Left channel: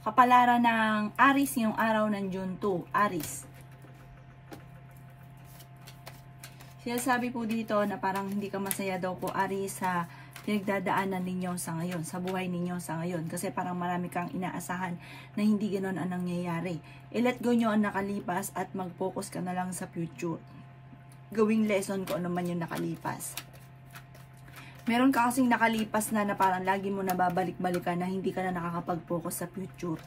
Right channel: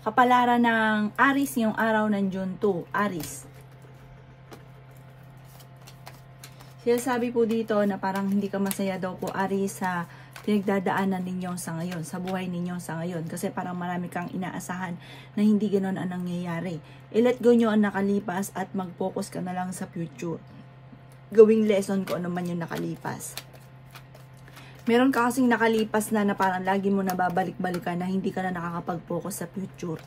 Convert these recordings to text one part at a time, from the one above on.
Kapalaran ng Aries ngayong araw ng June 2. Aries. Sinasabi po dito na parang hindi ka masaya daw po, Aries, sa pinagdadaanan ninyo sa ngayon, sa buhay ninyo sa ngayon. Kasi parang marami kang inaasahan na hindi ganoon ang nangyayari. I-let go nyo ang nakalipas at mag-focus ka na lang sa future. Gawing lesson ko ano man yung nakalipas. Meron ka kasing nakalipas na parang lagi mo nababalik-balikan na hindi ka na nakakapag-focus sa future.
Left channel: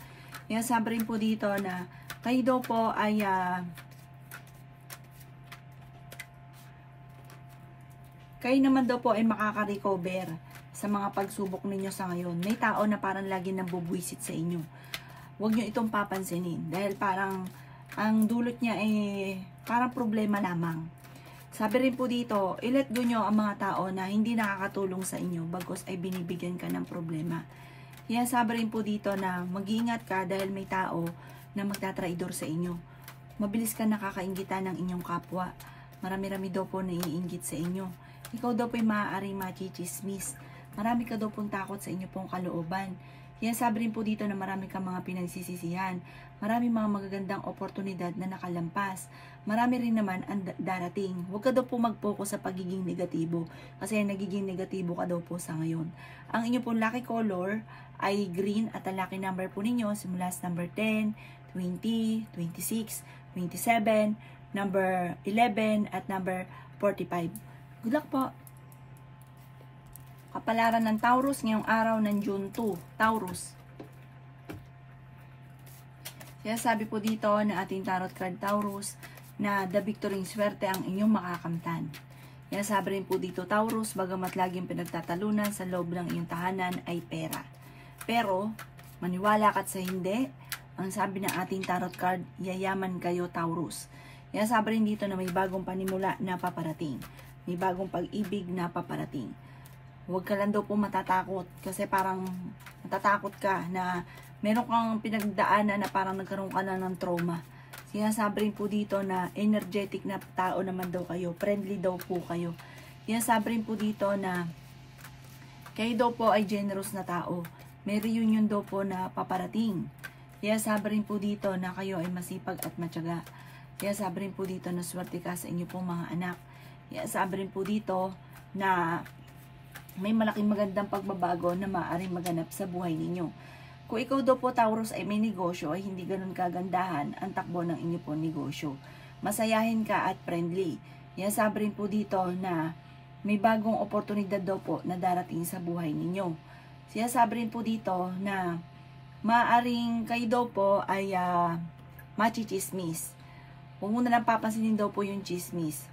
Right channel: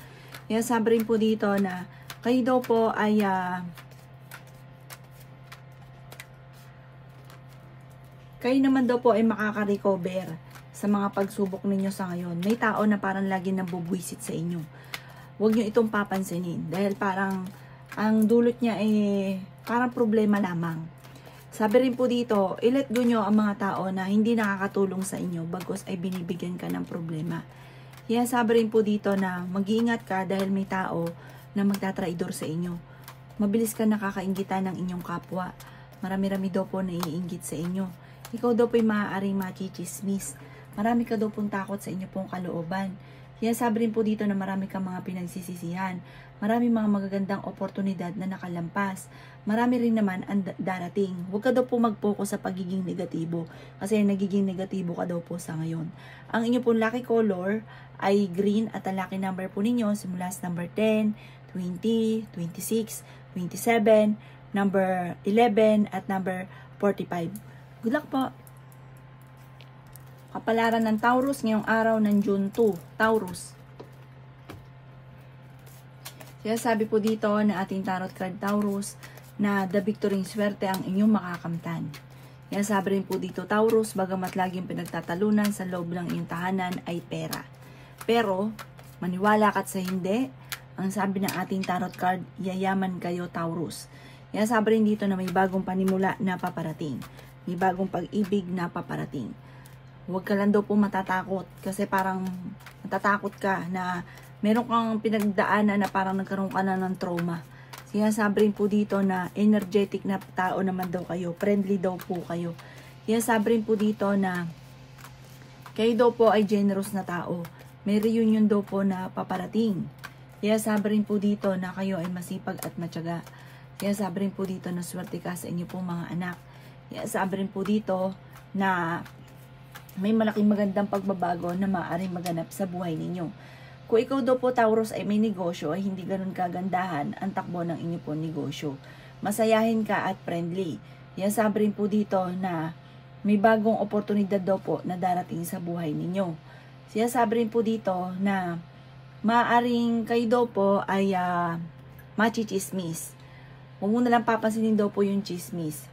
Yan, sabi rin po dito na kayo daw po ay kayo naman daw po ay makaka-recover sa mga pagsubok ninyo sa ngayon. May tao na parang lagi nabubwisit sa inyo. Huwag nyo itong papansinin dahil parang ang dulot niya parang problema lamang. Sabi rin po dito, i-let go nyo ang mga tao na hindi nakakatulong sa inyo bagos ay binibigyan ka ng problema. Kaya sabi rin po dito na mag-iingat ka dahil may tao na magtatraidor sa inyo. Mabilis ka nakakaingitan ng inyong kapwa. Marami-rami daw po naiinggit sa inyo. Ikaw daw po ay maaaring machichismis. Marami ka daw pong takot sa inyo pong kalooban. Kaya sabi rin po dito na marami kang mga pinagsisisihan. Marami mga magagandang oportunidad na nakalampas. Marami rin naman ang darating. Huwag ka daw po mag-focus sa pagiging negatibo. Kasi nagiging negatibo ka daw po sa ngayon. Ang inyo pong lucky color ay green at ang lucky number po ninyo simula sa number 10, 20, 26, 27, number 11 at number 45. Good luck po! Kapalaran ng Taurus ngayong araw ng June 2. Taurus. Kaya sabi po dito na ating tarot card Taurus na the victory swerte ang inyong makakamtan. Kaya sabi rin po dito Taurus, bagamat laging pinagtatalunan sa loob ng iyong tahanan ay pera. Pero, maniwala ka't sa hindi, ang sabi ng ating tarot card, yayaman kayo Taurus. Kaya sabi rin dito na may bagong panimula na paparating. May bagong pag-ibig na paparating. Huwag ka lang daw po matatakot kasi parang matatakot ka na meron kang pinagdaanan na parang nagkaroon ka na ng trauma. Kaya sabi rin po dito na energetic na tao naman daw kayo. Friendly daw po kayo. Kaya sabi rin po dito na kayo daw po ay generous na tao. May reunion daw po na paparating. Kaya sabi rin po dito na kayo ay masipag at matyaga. Kaya sabi rin po dito na swerte ka sa inyo pong mga anak. Kaya sabi rin po dito na may malaking magandang pagbabago na maaaring maganap sa buhay ninyo. Kung ikaw daw po Taurus ay may negosyo ay hindi ganun kagandahan ang takbo ng inyo po negosyo. Masayahin ka at friendly. Kaya sabi rin po dito na may bagong oportunidad daw po na darating sa buhay ninyo. Kaya sabi rin po dito na maaaring kayo daw po ay machichismis. Huwag mo na lang papansinin daw po yung chismis.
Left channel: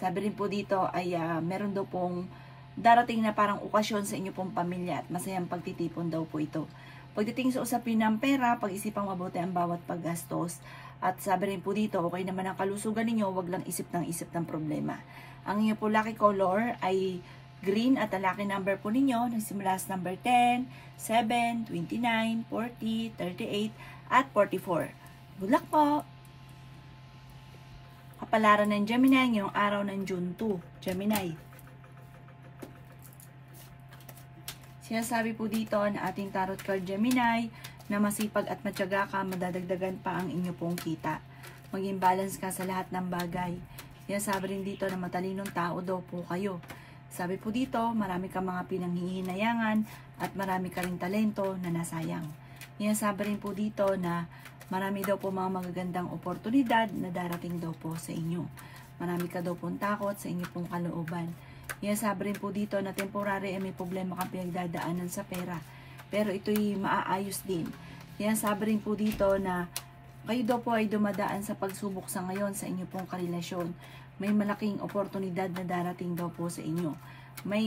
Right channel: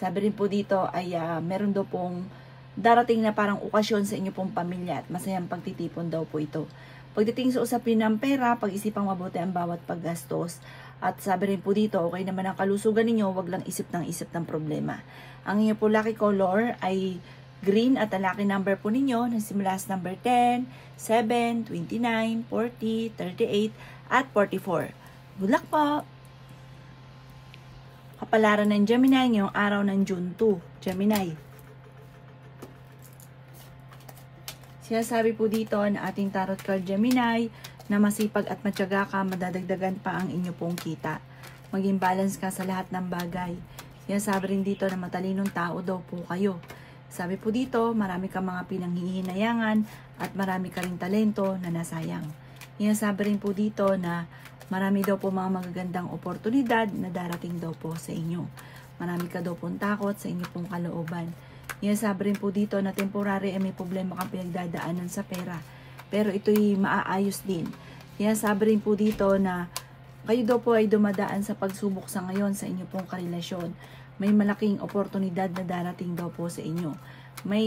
Sabi rin po dito ay meron daw pong darating na parang okasyon sa inyo pong pamilya at masayang pagtitipon daw po ito. Pagdating sa usapin ng pera, pag-isipang mabuti ang bawat paggastos. At sabi rin po dito, okay naman ang kalusugan ninyo, wag lang isip ng problema. Ang inyo po lucky color ay green at ang lucky number po ninyo na simula sa number 10, 7, 29, 40, 38 at 44. Good luck po! Kapalaran ng Gemini ngayong araw ng June 2. Gemini. Sinasabi po dito na ating tarot card Gemini na masipag at matyaga ka, madadagdagan pa ang inyo pong kita. Maging balance ka sa lahat ng bagay. Sinasabi rin dito na matalinong tao daw po kayo. Sabi po dito, marami ka mga pinanghihinayangan at marami ka ring talento na nasayang. Sinasabi rin po dito na marami daw po mga magagandang oportunidad na darating daw po sa inyo. Marami ka daw pong takot sa inyo pong kalooban. Sabi rin po dito na temporary ay may problema ka pinagdadaanan sa pera. Pero ito'y maaayos din. Sabi rin po dito na kayo daw po ay dumadaan sa pagsubok sa ngayon sa inyo pong karelasyon. May malaking oportunidad na darating daw po sa inyo. May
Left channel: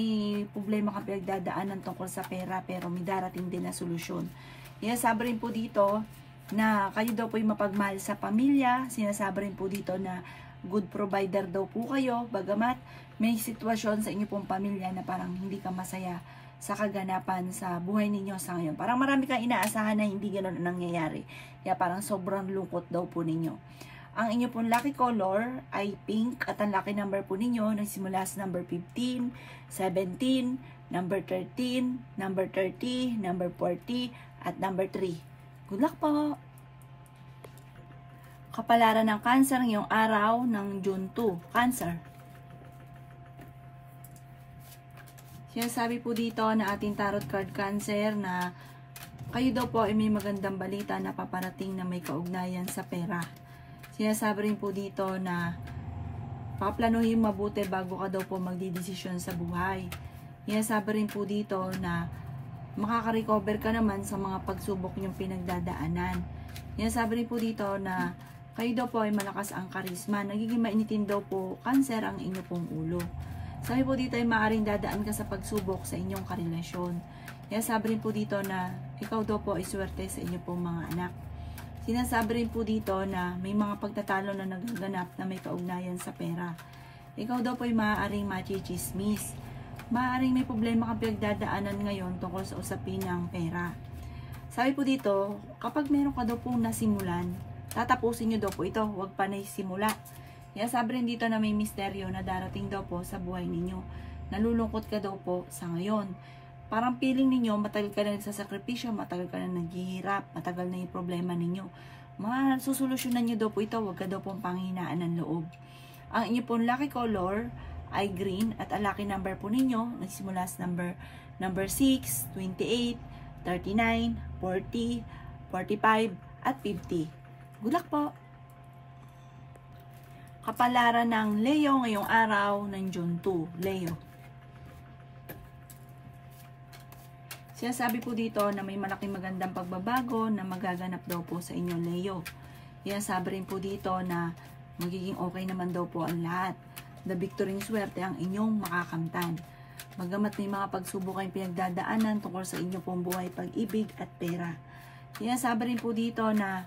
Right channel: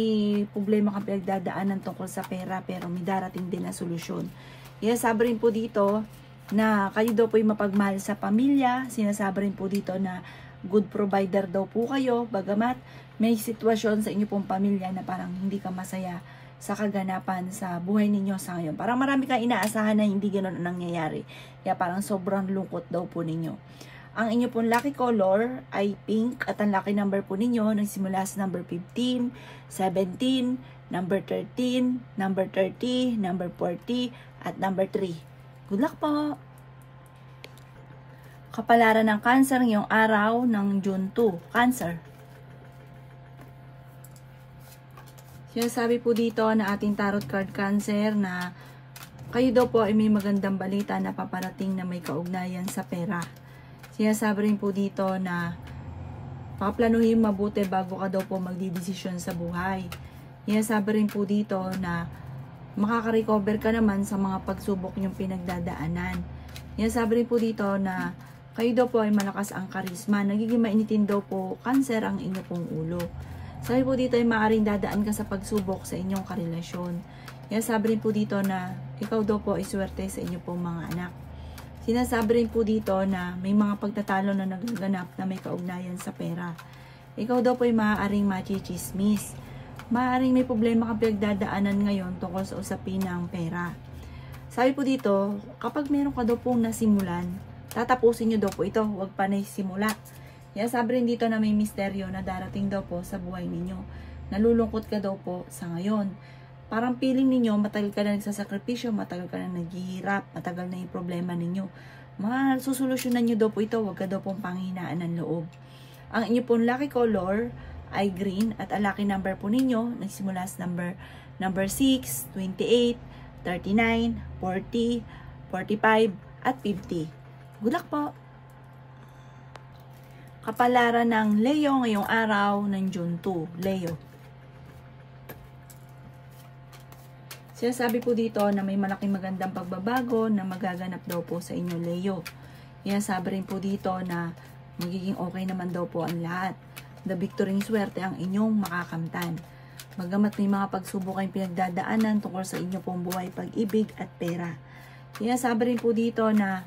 problema ka pinagdadaanan tungkol sa pera pero may darating din na solusyon. Sabi rin po dito na kayo daw po ay mapagmahal sa pamilya. Sinasabi rin po dito na good provider daw po kayo, bagamat may sitwasyon sa inyo pong pamilya na parang hindi ka masaya sa kaganapan sa buhay ninyo sa ngayon. Parang marami kang inaasahan na hindi ganoon ang nangyayari. Kaya parang sobrang lungkot daw po ninyo. Ang inyo pong lucky color ay pink at ang lucky number po ninyo nagsimula sa number 15, 17, number 13, number 30, number 40, at number 3. Good luck po! Kapalaran ng Cancer ngayong araw ng June 2. Cancer. Sinasabi po dito na ating tarot card Cancer na kayo daw po ay may magandang balita na paparating na may kaugnayan sa pera. Sinasabi rin po dito na paplanuhin mabuti bago ka daw po magdidesisyon sa buhay. Sinasabi rin po dito na makaka-recover ka naman sa mga pagsubok niyong pinagdadaanan. Sinasabi rin po dito na kayo daw po ay malakas ang karisma. Nagiging mainitin daw po Cancer ang inyo pong ulo. Sabi po dito ay maaaring dadaan ka sa pagsubok sa inyong karelasyon. Sinasabi rin po dito na ikaw daw po ay swerte sa inyo pong mga anak. Sinasabi rin po dito na may mga pagtatalo na nagaganap na may kaugnayan sa pera. Ikaw daw po ay maaaring machichismis. Maaaring may problema kang pinagdadaanan ngayon tungkol sa usapin ng pera. Sabi po dito, kapag meron ka daw pong nasimulan, tatapusin nyo daw po ito, huwag pa na simula. Sabi rin dito na may misteryo na darating daw po sa buhay ninyo. Nalulungkot ka daw po sa ngayon. Parang feeling ninyo, matagal ka na nagsasakripisyo, matagal ka na naghihirap, matagal na yung problema ninyo. Mga susolusyonan nyo daw po ito, huwag ka daw pong panghinaan ng loob. Ang inyo pong lucky color ay green at ang lucky number po ninyo, nagsimula sa number 6, 28, 39, 40, 45, at 50. Good luck po! Kapalaran ng Leo ngayong araw ng June 2. Leo. Sinasabi po dito na may malaking magandang pagbabago na magaganap daw po sa inyo, Leo. Sinasabi rin po dito na magiging okay naman daw po ang lahat. The victory swerte ang inyong makakamtan. Bagamat may mga pagsubok kayong pinagdadaanan tungkol sa inyo pong buhay, pag-ibig at pera. Sinasabi rin po dito na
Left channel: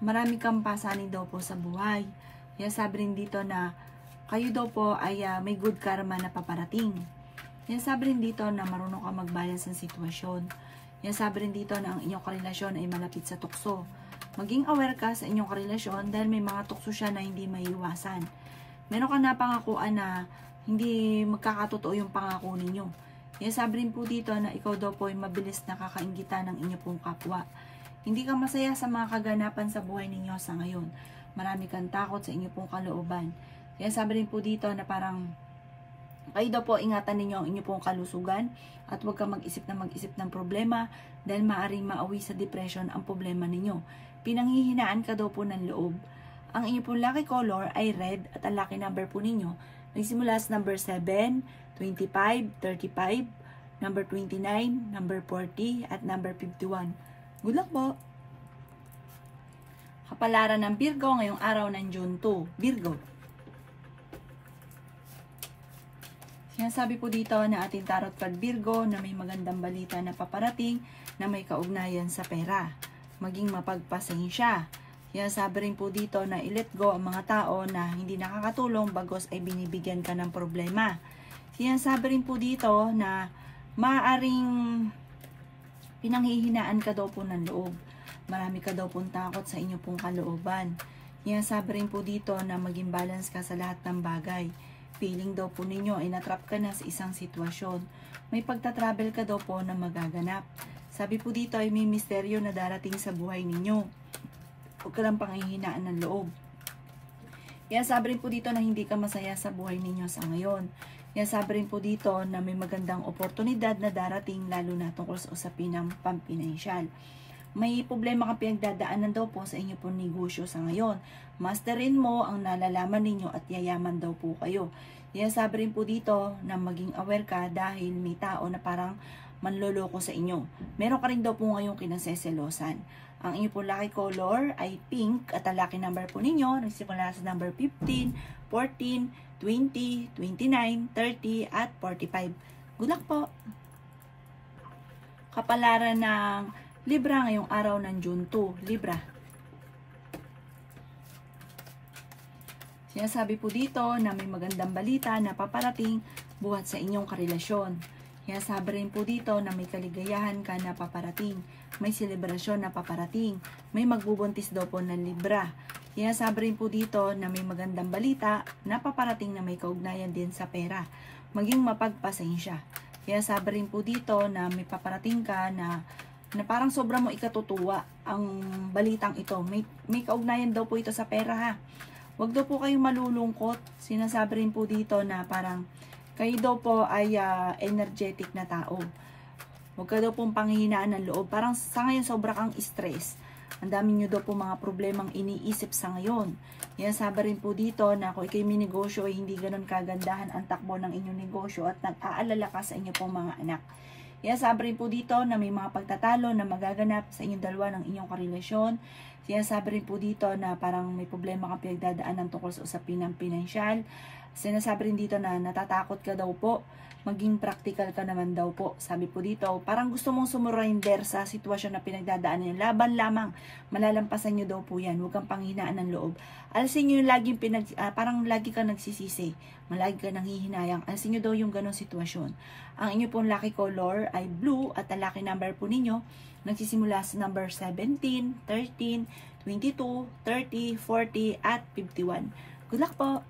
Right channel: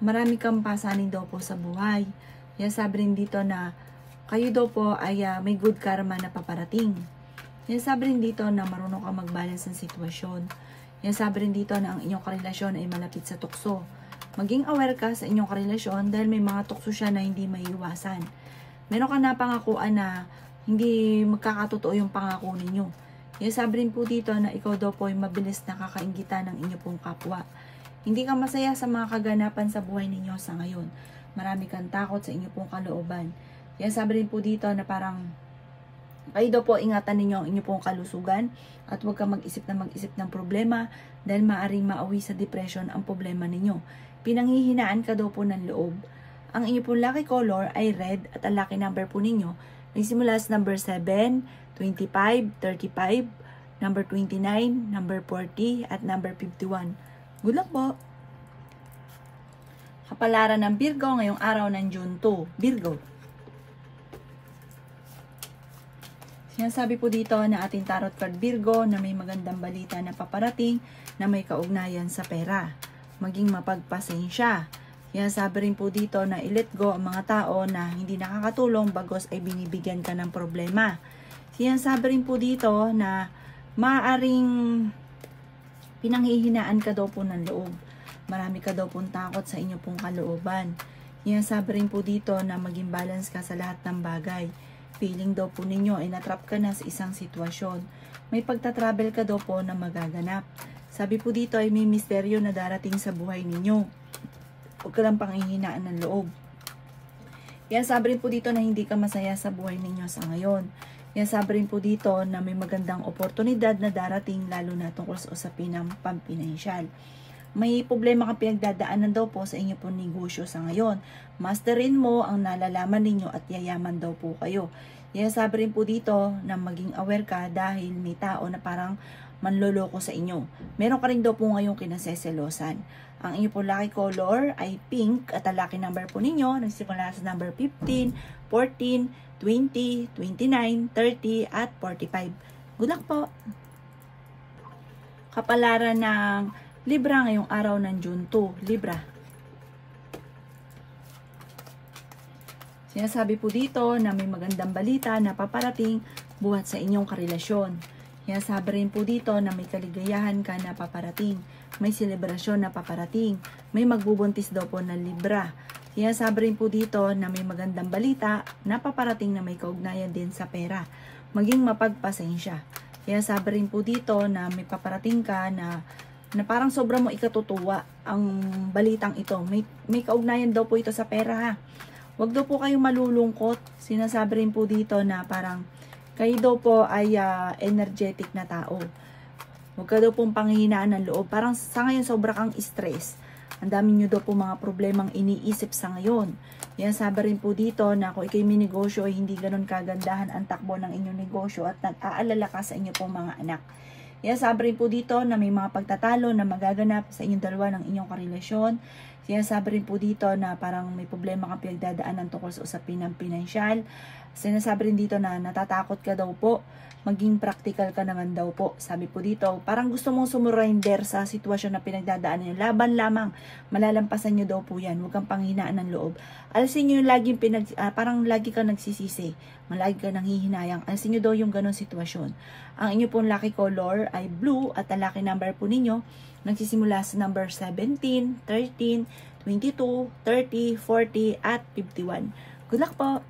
marami kang pasanin daw po sa buhay. Sinasabi rin dito na kayo daw po ay may good karma na paparating. Sinasabi rin dito na marunong kang mag-balance ng sitwasyon. Sinasabi rin dito na ang inyong karelasyon ay malapit sa tukso. Maging aware ka sa inyong karelasyon dahil may mga tukso siya na hindi maiiwasan. Meron ka na pangakuan na hindi magkakatotoo yung pangako ninyo. Sinasabi rin po dito na ikaw daw po ay mabilis na kakaingitan ng inyo pong kapwa. Hindi ka masaya sa mga kaganapan sa buhay ninyo sa ngayon. Marami kang takot sa inyo pong kalooban. Sinasabi rin po dito na parang kayo daw po ingatan ninyo ang inyo pong kalusugan at huwag kang mag-isip ng problema dahil maaaring maawi sa depression ang problema ninyo. Pinanghihinaan ka daw po ng loob. Ang inyo pong lucky color ay red at ang lucky number po ninyo nagsimula sa number 7, 25, 35, number 29, number 40 at number 51. Good luck po! Kapalaran ng Virgo ngayong araw ng June 2. Virgo. Sinasabi po dito na ating tarot card Virgo na may magandang balita na paparating na may kaugnayan sa pera. Maging mapagpasensya. Sinasabi rin po dito na i-let go ang mga tao na hindi nakakatulong bagos ay binibigyan ka ng problema. Sinasabi rin po dito na maaaring pinanghihinaan ka daw po ng loob. Marami ka daw pong takot sa inyo pong kalooban. Sinasabi rin po dito na maging balance ka sa lahat ng bagay. Feeling daw po ninyo ay natrap ka na sa isang sitwasyon. May pagta-travel ka daw po na magaganap. Sabi po dito ay may misteryo na darating sa buhay ninyo. Huwag ka lang panghihinaan ng loob. Sabi rin po dito na hindi ka masaya sa buhay ninyo sa ngayon. Sabi rin po dito na may magandang oportunidad na darating lalo na tungkol sa usapin ng pampinansyal. May problema kang pinagdadaanan daw po sa inyo pong negosyo sa ngayon. Masterin mo ang nalalaman ninyo at yayaman daw po kayo. Sabi rin po dito na maging aware ka dahil may tao na parang manloloko sa inyo. Meron ka rin daw po ngayong kinaseselosan. Ang inyo po lucky color ay pink at ang lucky number po ninyo nagsimula sa number 15, 14, 20, 29, 30 at 45. Good luck po! Kapalaran ng Libra ngayong araw ng June 2. Libra. Sinasabi po dito na may magandang balita na paparating buhat sa inyong karelasyon. Sinasabi rin po dito na may kaligayahan ka na paparating. May selebrasyon na paparating. May magbubuntis daw po ng Libra. Sinasabi rin po dito na may magandang balita na paparating na may kaugnayan din sa pera. Maging mapagpasensya. Sinasabi rin po dito na may paparating ka na na parang sobra mo ikatutuwa ang balitang ito. May kaugnayan daw po ito sa pera ha. Huwag daw po kayong malulungkot. Sinasabi rin po dito na parang kayo daw po ay energetic na tao. Huwag ka daw pong panghihinaan ng loob. Parang sa ngayon sobra kang stress. Ang dami nyo daw po mga problemang iniisip sa ngayon. Yan, sabi rin po dito na kung ikay may negosyo ay hindi ganun kagandahan ang takbo ng inyong negosyo at nag-aalala ka sa inyo pong mga anak. Yan, sabi rin po dito na may mga pagtatalo na magaganap sa inyong dalawa ng inyong karelasyon. Yan, sabi rin po dito na parang may problema kang pinagdadaanan tungkol sa usapin ng pinansyal. Sinasabi rin dito na natatakot ka daw po. Maging practical ka naman daw po. Sabi po dito, parang gusto mong sumurrender sa sitwasyon na pinagdadaanan niyo. Laban lamang, malalampasan niyo daw po yan. Huwag kang panghinaan ng loob. Alisin niyo laging parang lagi ka nagsisisi. Malagi ka nanghihinayang. Alisin niyo daw yung ganong sitwasyon. Ang inyo pong lucky color ay blue at ang lucky number po ninyo nagsisimula sa number 17, 13, 22, 30, 40 at 51. Good luck po!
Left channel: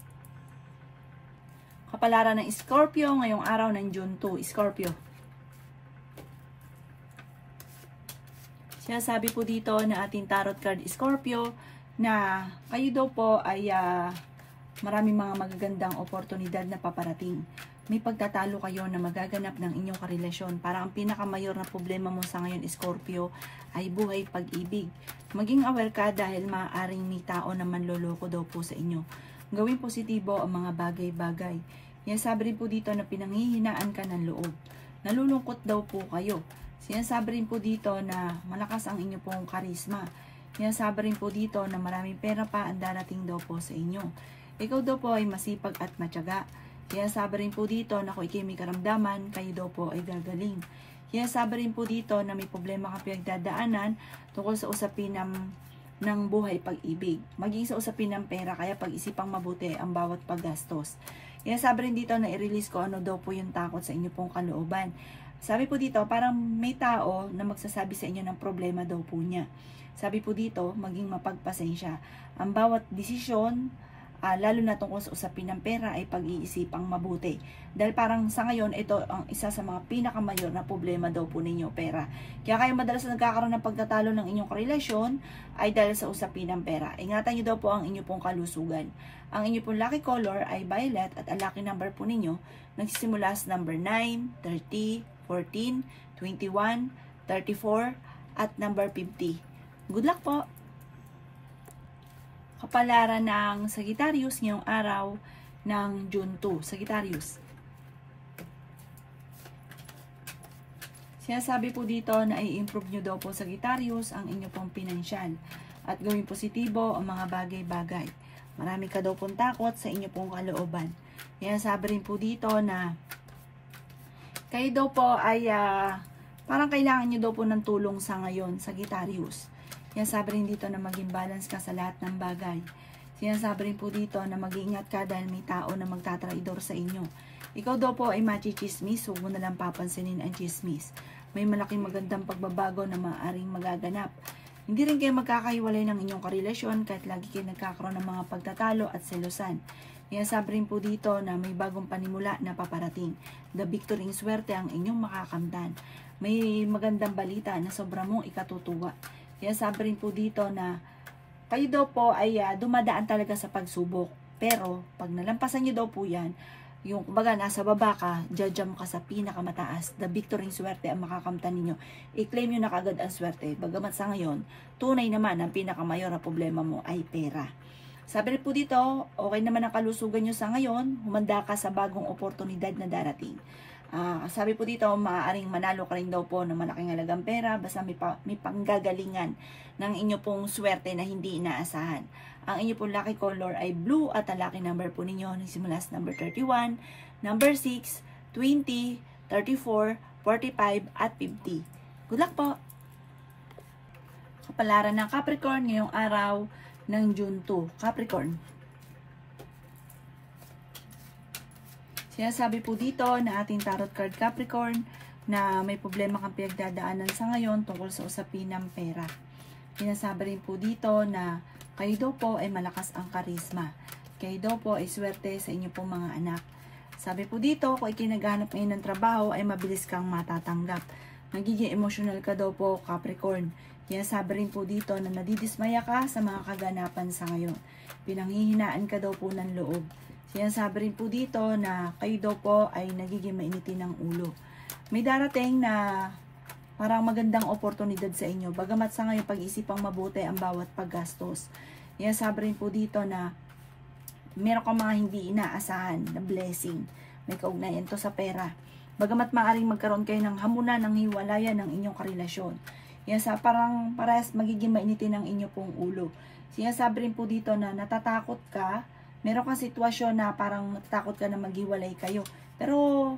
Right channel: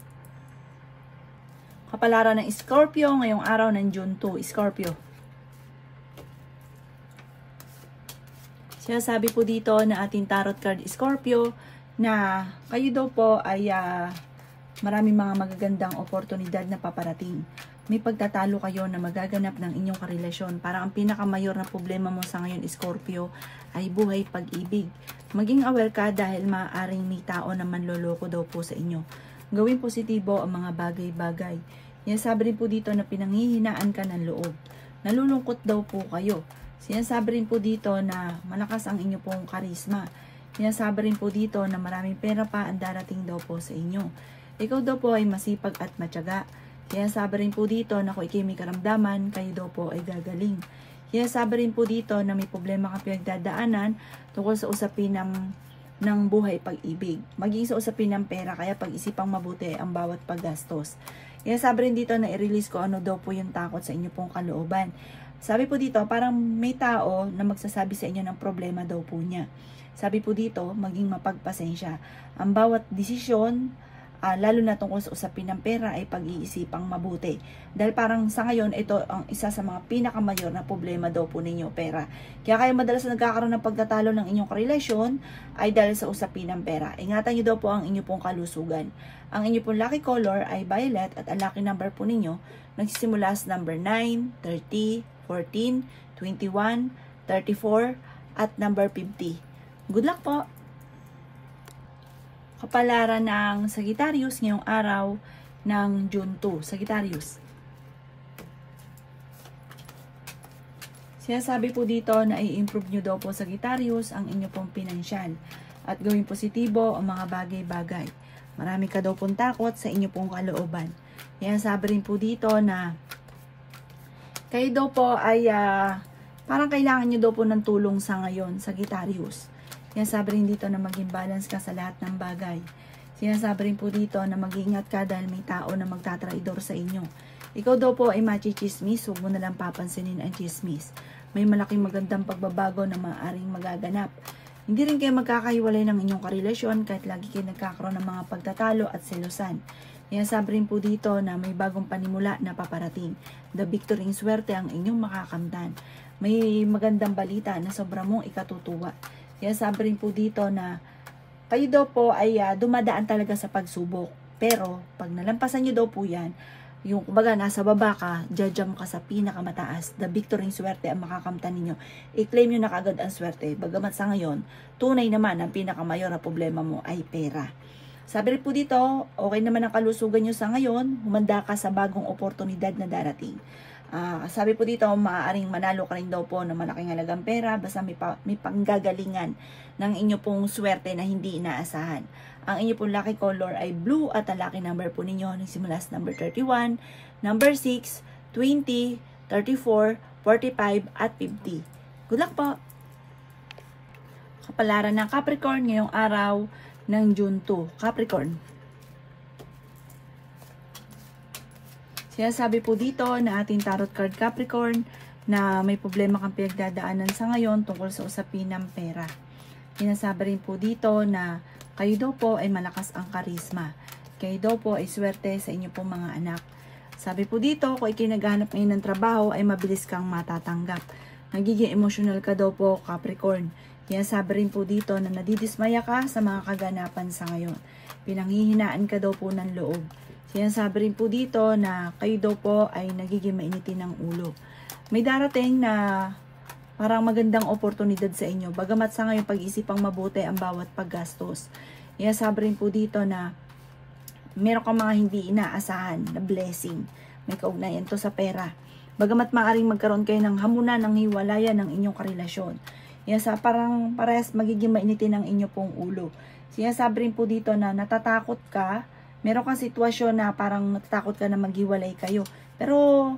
Kapalaran ng Scorpio ngayong araw ng June 2. Scorpio. Sinasabi po dito na ating tarot card Scorpio na kayo daw po ay maraming mga magagandang oportunidad na paparating. May pagtatalo kayo na magaganap ng inyong karelasyon. Parang ang pinakamayor na problema mo sa ngayon Scorpio ay buhay pag-ibig. Maging aware ka dahil maaaring may tao na manloloko daw po sa inyo. Gawin positibo ang mga bagay-bagay. Yan, sabi rin po dito na pinanghihinaan ka ng loob. Nalulungkot daw po kayo. Sinasabi rin po dito na malakas ang inyo pong karisma. Sinasabi rin po dito na maraming pera pa ang darating daw po sa inyo. Ikaw daw po ay masipag at matyaga. Sinasabi rin po dito na kung ikay may karamdaman, kayo daw po ay gagaling. Sinasabi rin po dito na may problema ka pinagdadaanan tungkol sa usapin ng buhay pag-ibig. Maging sa usapin ng pera, kaya pag-isipang mabuti ang bawat paggastos. Yan, sabi rin dito na i-release ko ano daw po yung takot sa inyo pong kalooban. Sabi po dito, parang may tao na magsasabi sa inyo ng problema daw po niya. Sabi po dito, maging mapagpasensya. Ang bawat desisyon, lalo na tungkol sa usapin ng pera ay pag-iisipang mabuti. Dahil parang sa ngayon, ito ang isa sa mga pinakamayor na problema daw po ninyo, pera. Kaya kayo madalas nagkakaroon ng pagtatalo ng inyong karelasyon ay dahil sa usapin ng pera. Ingatan nyo daw po ang inyong pong kalusugan. Ang inyong pong lucky color ay violet at ang lucky number po ninyo nagsisimula sa number 9, 30, 14, 21, 34 at number 50. Good luck po! Kapalaran ng Sagittarius ngayong araw ng June 2. Sagittarius. Sinasabi po dito na i-improve nyo daw po Sagittarius ang inyo pong pinansyal at gawing positibo ang mga bagay-bagay. Marami ka daw pong takot sa inyo pong kalooban. Kaya sabi rin po dito na kayo daw po ay parang kailangan nyo daw po ng tulong sa ngayon, Sagittarius. Sinasabi rin dito na maging balance ka sa lahat ng bagay. Sinasabi rin po dito na mag-iingat ka dahil may tao na magtatraidor sa inyo. Ikaw daw po ay machi-chismis, huwag mo na lang papansinin ang chismis. May malaking magandang pagbabago na maaaring magaganap. Hindi rin kayo magkakahiwalay ng inyong karelasyon kahit lagi kayo nagkakaroon ng mga pagtatalo at selusan. Sinasabi rin po dito na may bagong panimula na paparating. The victory in swerte ang inyong makakamtan. May magandang balita na sobra mong ikatutuwa. Kaya sabi rin po dito na kayo daw po ay dumadaan talaga sa pagsubok. Pero pag nalampasan nyo daw po yan, yung kumbaga nasa baba ka, judgam ka sa pinakamataas. The victory in swerte ang makakamtan ninyo. I-claim nyo na kagad ang swerte. Bagamat sa ngayon, tunay naman ang pinakamayor na problema mo ay pera. Sabi rin po dito, okay naman ang kalusugan nyo sa ngayon, humanda ka sa bagong oportunidad na darating. Sabi po dito, maaaring manalo ka rin daw po ng malaking halagang pera basta may panggagalingan ng inyo pong swerte na hindi inaasahan. Ang inyo pong lucky color ay blue at ang lucky number po ninyo nagsimula sa number 31, number 6, 20, 34, 45 at 50. Good luck po! Kapalaran ng Capricorn ngayong araw ng June 2. Capricorn. Sinasabi po dito na ating tarot card Capricorn na may problema kang pinagdadaanan sa ngayon tungkol sa usapin ng pera. Sinasabi rin po dito na kayo daw po ay malakas ang karisma. Kayo daw po ay swerte sa inyo pong mga anak. Sabi po dito, kung ikay naghanap ngayon ng trabaho ay mabilis kang matatanggap. Nagiging emotional ka daw po, Capricorn. Kaya sabi rin po dito na nadidismaya ka sa mga kaganapan sa ngayon. Pinanghihinaan ka daw po ng loob. Sinasabi rin po dito na kayo daw po ay nagiging mainitin ng ulo. May darating na parang magandang oportunidad sa inyo. Bagamat sa ngayon pag-isipang mabuti ang bawat paggastos. Sinasabi rin po dito na meron kang mga hindi inaasahan na blessing. May kaugnayan to sa pera. Bagamat maaaring magkaroon kayo ng hamunan ng hiwalayan ng inyong karelasyon. Parang parehas magiging mainitin ang inyo pong ulo. Sinasabi rin po dito na natatakot ka. Meron kang sitwasyon na parang natatakot ka na maghiwalay kayo. Pero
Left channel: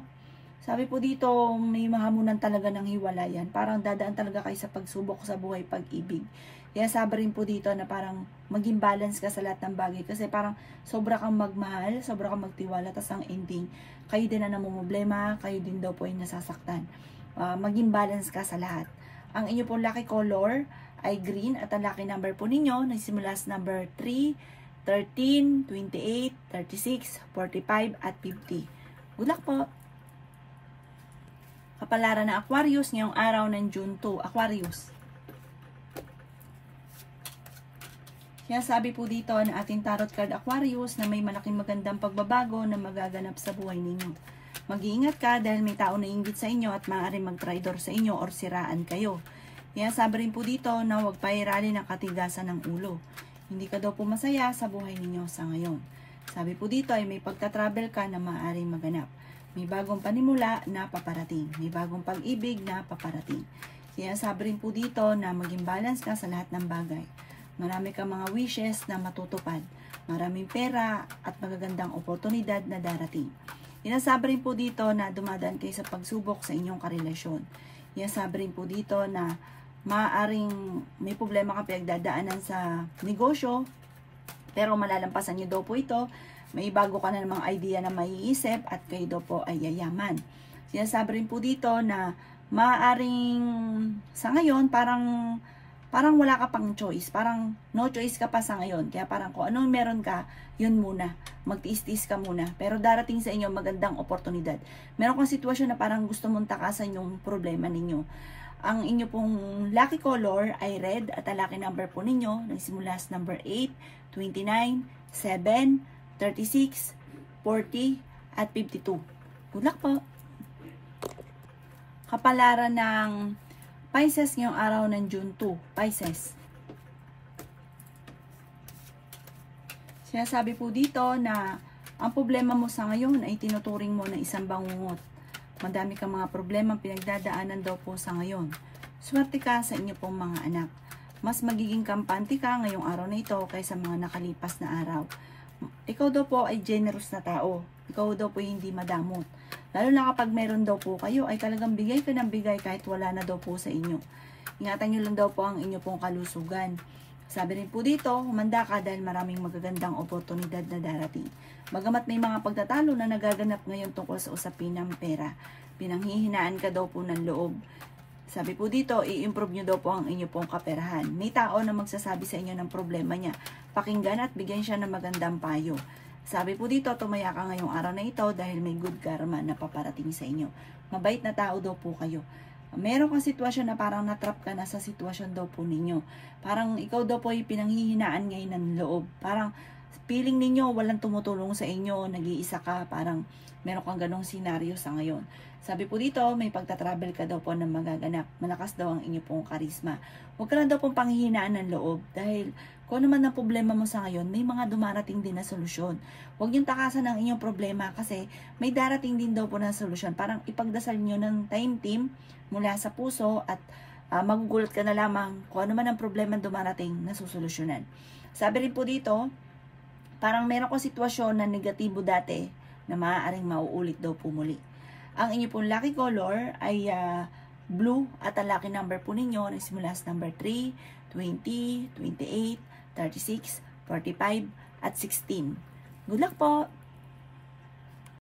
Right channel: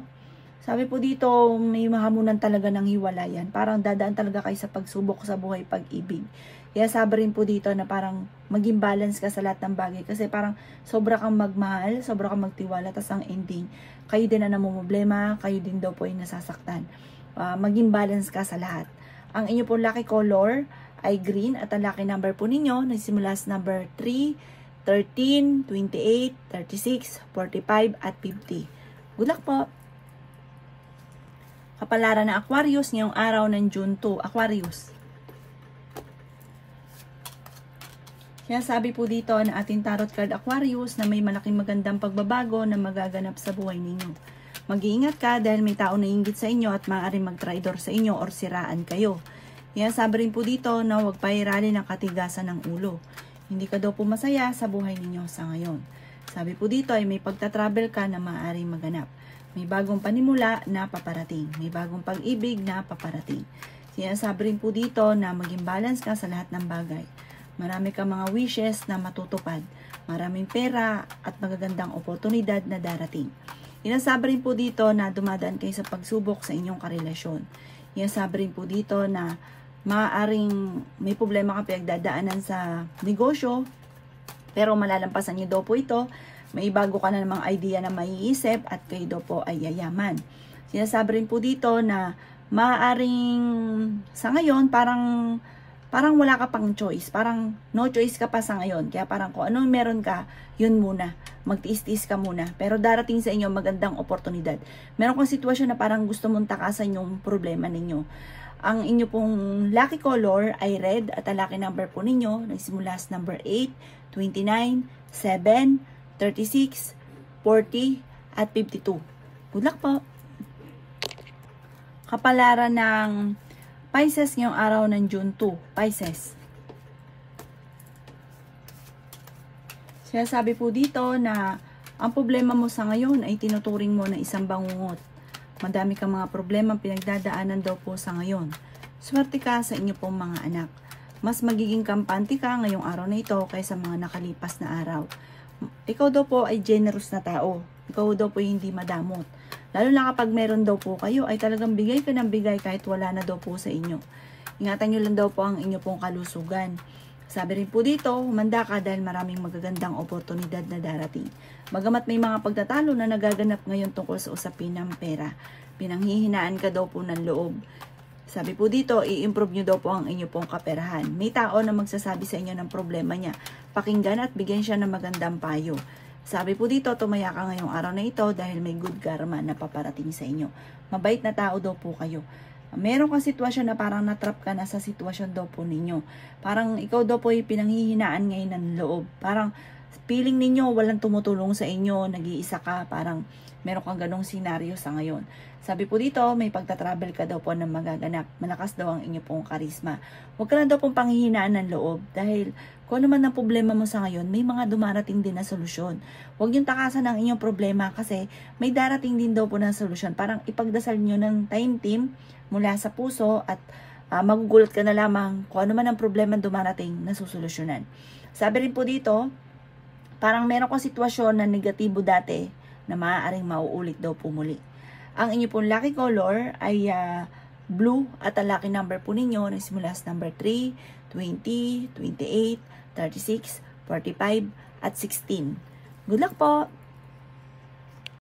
sabi po dito may mahamunan talaga ng hiwalayan. Parang dadaan talaga kayo sa pagsubok sa buhay pag-ibig. Kaya sabi rin po dito na parang maging balance ka sa lahat ng bagay. Kasi parang sobra kang magmahal, sobra kang magtiwala. Tapos ang ending, kayo din na namumblema, kayo din daw po ay nasasaktan. Maging balance ka sa lahat. Ang inyo pong lucky color ay green at ang lucky number po ninyo nagsimula sa number 3, 13, 28, 36, 45 at 50. Good luck po! Kapalaran ng Aquarius ngayong araw ng June 2. Aquarius. Kaya sabi po dito na ating tarot card Aquarius na may malaking magandang pagbabago na magaganap sa buhay ninyo. Mag-iingat ka dahil may tao na inggit sa inyo at maaaring mag-traidor sa inyo or siraan kayo. Kaya sabi rin po dito na huwag pairali ng katigasan ng ulo. Hindi ka daw po masaya sa buhay ninyo sa ngayon. Sabi po dito ay may pagta-travel ka na maaaring maganap. May bagong panimula na paparating. May bagong pag-ibig na paparating. Kaya sabi rin po dito na maging balance ka sa lahat ng bagay. Marami kang mga wishes na matutupad. Maraming pera at magagandang oportunidad na darating. Inasabi rin po dito na dumadaan kayo sa pagsubok sa inyong karelasyon. Inasabi rin po dito na maaaring may problema ka pinagdadaanan sa negosyo, pero malalampasan nyo daw po ito. May bago ka na namang idea na maiisip at kayo daw po ay yayaman. Sinasabi rin po dito na maaaring sa ngayon parang wala ka pang choice. Parang no choice ka pa sa ngayon. Kaya parang kung anong meron ka, yun muna. Magtiis-tiis ka muna. Pero darating sa inyo magandang oportunidad. Meron kang sitwasyon na parang gusto mong takasan yung problema ninyo. Ang inyo pong lucky color ay red at ang lucky number po ninyo nagsimula sa number 8, 29, 7, 36, 40, at 52. Good luck po! Kapalaran ng Pisces ngayong araw ng June 2. Pisces. Sinasabi po dito na ang problema mo sa ngayon ay tinuturing mo na isang bangungot. Madami kang mga problema pinagdadaanan daw po sa ngayon. Swerte ka sa inyo pong mga anak. Mas magiging kampante ka ngayong araw na ito kaysa mga nakalipas na araw. Ikaw daw po ay generous na tao. Ikaw daw po hindi madamot. Lalo na kapag meron daw po kayo ay talagang bigay ka ng bigay kahit wala na daw po sa inyo. Ingatan nyo lang daw po ang inyo pong kalusugan. Sabi rin po dito, humanda ka dahil maraming magagandang oportunidad na darating. Bagamat may mga pagtatalo na nagaganap ngayon tungkol sa usapin ng pera, pinanghihinaan ka daw po ng loob. Sabi po dito, i-improve nyo daw po ang inyo pong kaperahan. May tao na magsasabi sa inyo ng problema niya. Pakinggan at bigyan siya ng magandang payo. Sabi po dito, tumaya ka ngayong araw na ito dahil may good karma na paparating sa inyo. Mabait na tao daw po kayo. Meron kang sitwasyon na parang natrap ka na sa sitwasyon daw po ninyo. Parang ikaw daw po ay pinanghihinaan ngayon ng loob. Parang feeling ninyo walang tumutulong sa inyo, nag-iisa ka, parang meron kang ganong senaryo sa ngayon. Sabi po dito, may pagtatravel ka daw po na magaganap. Malakas daw ang inyo pong karisma. Huwag ka na daw pong panghihinaan ng loob dahil kung ano man ang problema mo sa ngayon, may mga dumarating din na solusyon. Huwag niyong takasan ang inyong problema kasi may darating din daw po na solusyon. Parang ipagdasal niyo ng time team mula sa puso at magugulat ka na lamang kung ano man ang problema dumarating na susolusyonan. Sabi rin po dito, parang meron kang sitwasyon na negatibo dati na maaaring mauulit daw po muli. Ang inyo pong lucky color ay blue at ang lucky number po ninyo na simula sa number 3, 20, 28, 36, 45, at 16. Good luck po!